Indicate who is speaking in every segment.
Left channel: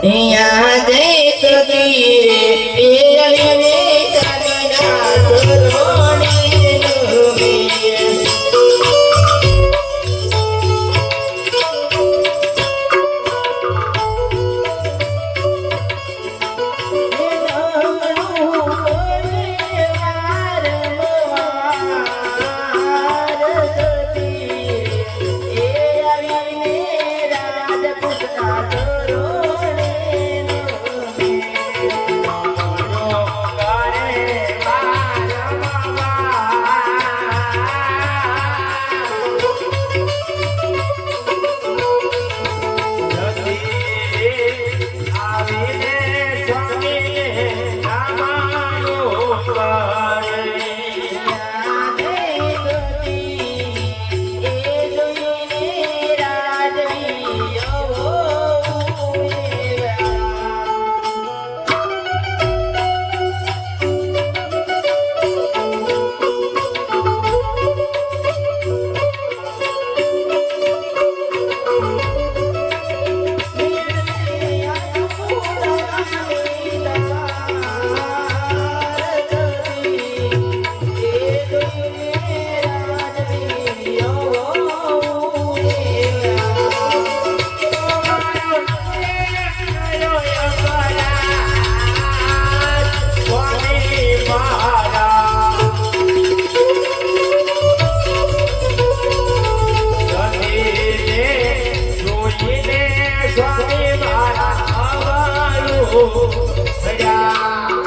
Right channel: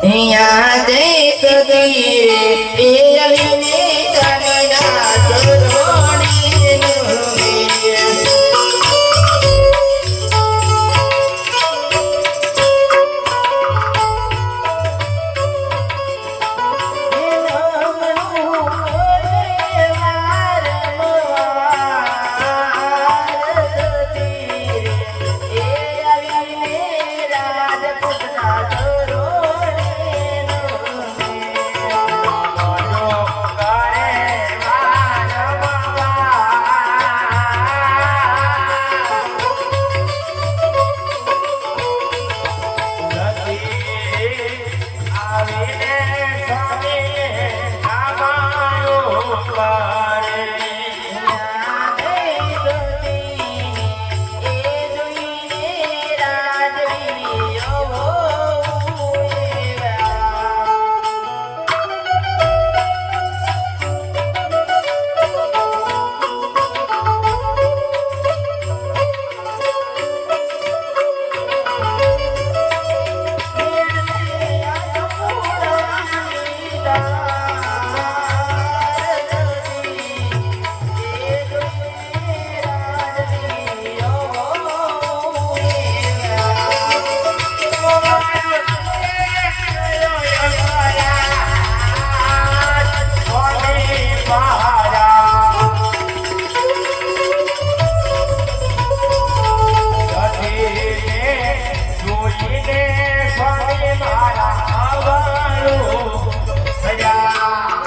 Speaker 1: Tenha, tenha. Yeah.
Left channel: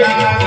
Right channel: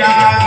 Speaker 1: Yeah.